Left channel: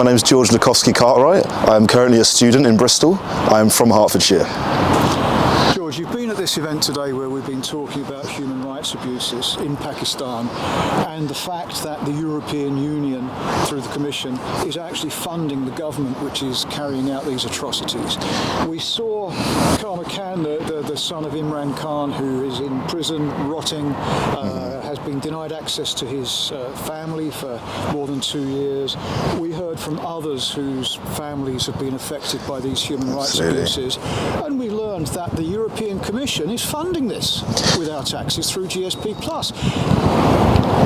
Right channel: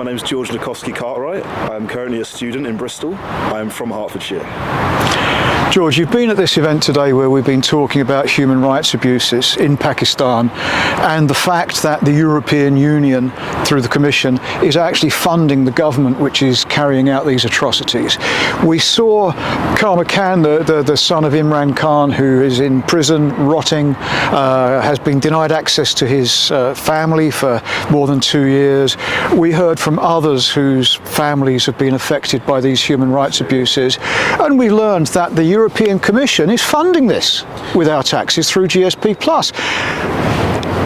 My name is George Loukovski-Cartwright. I'm currently a student in Bristol. I'm from Hertfordshire. George, you've been at this event today where we've been talking about human rights abuses in Pakistan and the fact that the European Union, through the Commission, is actually funding the government which is carrying out these atrocities. We saw Karma Khan, the son of Imran Khan, who is in prison, rotting, has been denied access to his family for more than 2 years. We heard from others whose families have been affected by these human rights abuses, and we learned that the European Commission is funding this with our taxes through GSP+.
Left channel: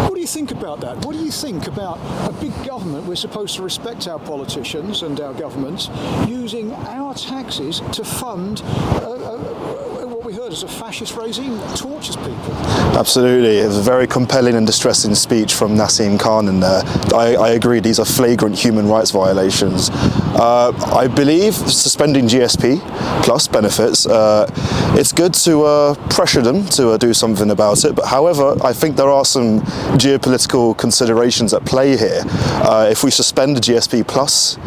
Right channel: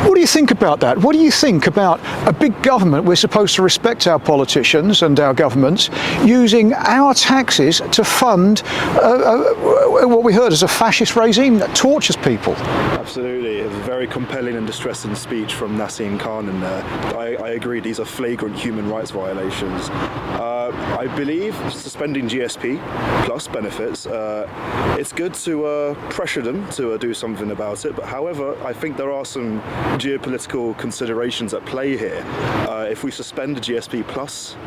What do you think about that? What do you think about a big government? We're supposed to respect our politicians and our governments using our taxes to fund what we heard as a fascist regime that tortures people. Absolutely. It was a very compelling and distressing speech from Naseem Khan in there. I agree, these are flagrant human rights violations. I believe suspending GSP plus benefits, it's good to pressure them to do something about it, but however, I think there are some geopolitical considerations at play here. If we suspend the GSP plus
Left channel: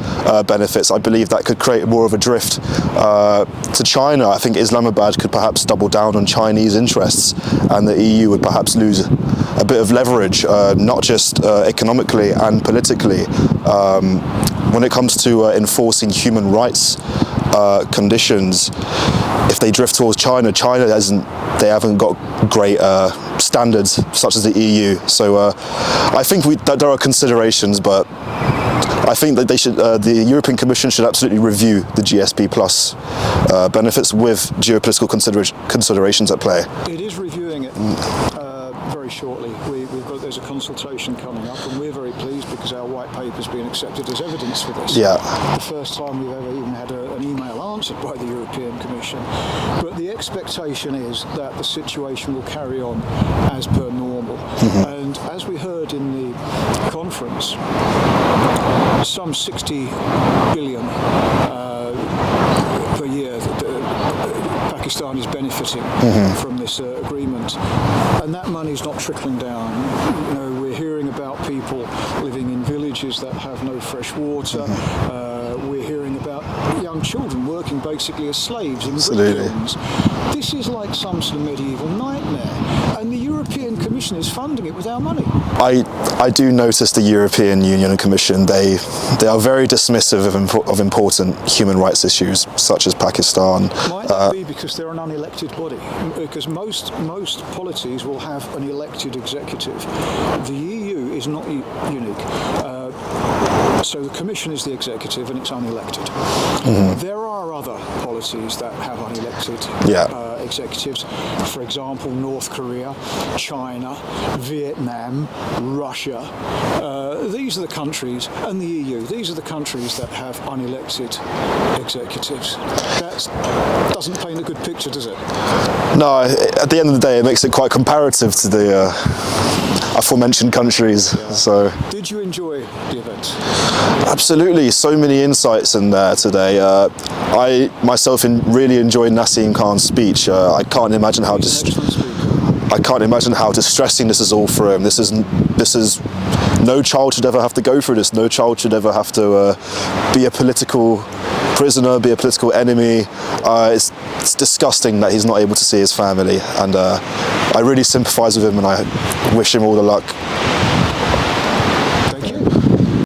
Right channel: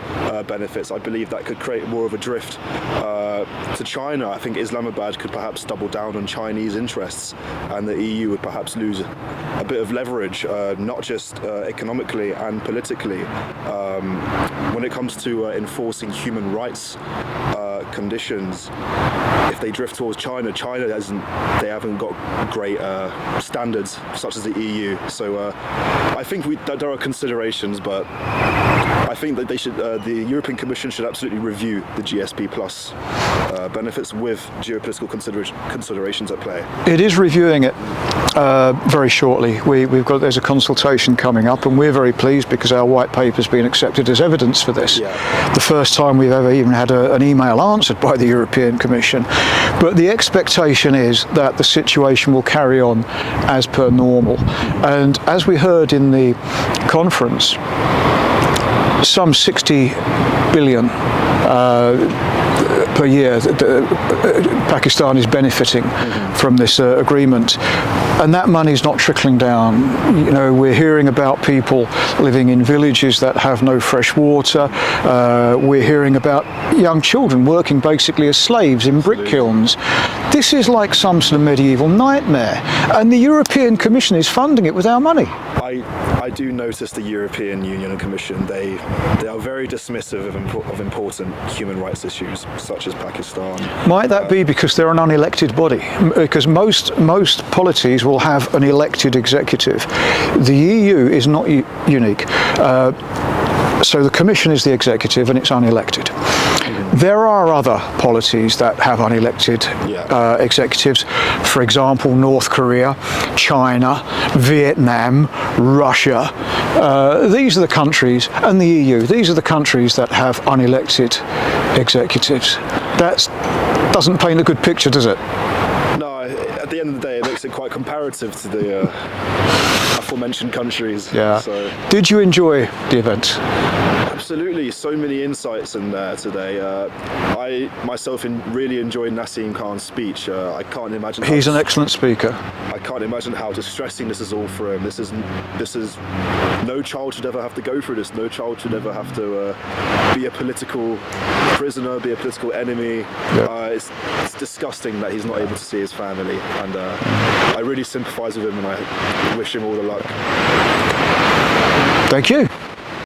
benefits, I believe that could create more of a drift to China. I think Islamabad could perhaps double down on Chinese interests, and the EU would perhaps lose a bit of leverage, not just economically and politically. When it comes to enforcing human rights conditions, if they drift towards China, they haven't got great standards such as the EU. So I think that there are considerations, but I think that the European Commission should absolutely review the GSP plus benefits with geopolitical considerations at play. It is reviewing it very shortly. There's a consultation coming up, and we're very pleased because our white paper has been accepted as evidence for this. Yeah. The first time we've ever even had an email answered by the European Commission. But the expectation is that the situation will carry on as per normal. Mm-hmm. And as we heard in the conference, some 60 billion per year Pakistan is benefiting from this agreement, and that money is not trickling down. You know, we're hearing about people living in villages that have no fresh water. We're hearing about young children working basically as slaves in brick kilns. This is like some sort of medieval nightmare, and the European Commission is funding it with our money. I do notice the European Union and Commission, they are very dismissive of important human rights issues such as Pakistan. Might that be because they're an unelected body? Because most polities will have an elected executive. The EU is not unique. So the Commission is the executive and it's unelected. Mm-hmm. There are other policies that have unelected executives. For example, North Korea, China, Vietnam, Russia. These are the countries, and the EU, these are the countries that have unelected executives. That doesn't paint a good picture, does it? No, at the end of the day, it makes it quite comparative to the aforementioned countries. Yeah. So, did you enjoy the event? Absolutely, so many insights in there today. I myself really enjoyed Naseem Khan's speech. I can't imagine how he's an excellent speaker. I can't imagine how distressing this is all for him. This is no child should ever have to go through this. No child should ever have to be a political prisoner, be a political enemy. Yeah. It's disgusting that he's not able to see his family, and I really sympathise with him, and I wish him all the luck. Thank you.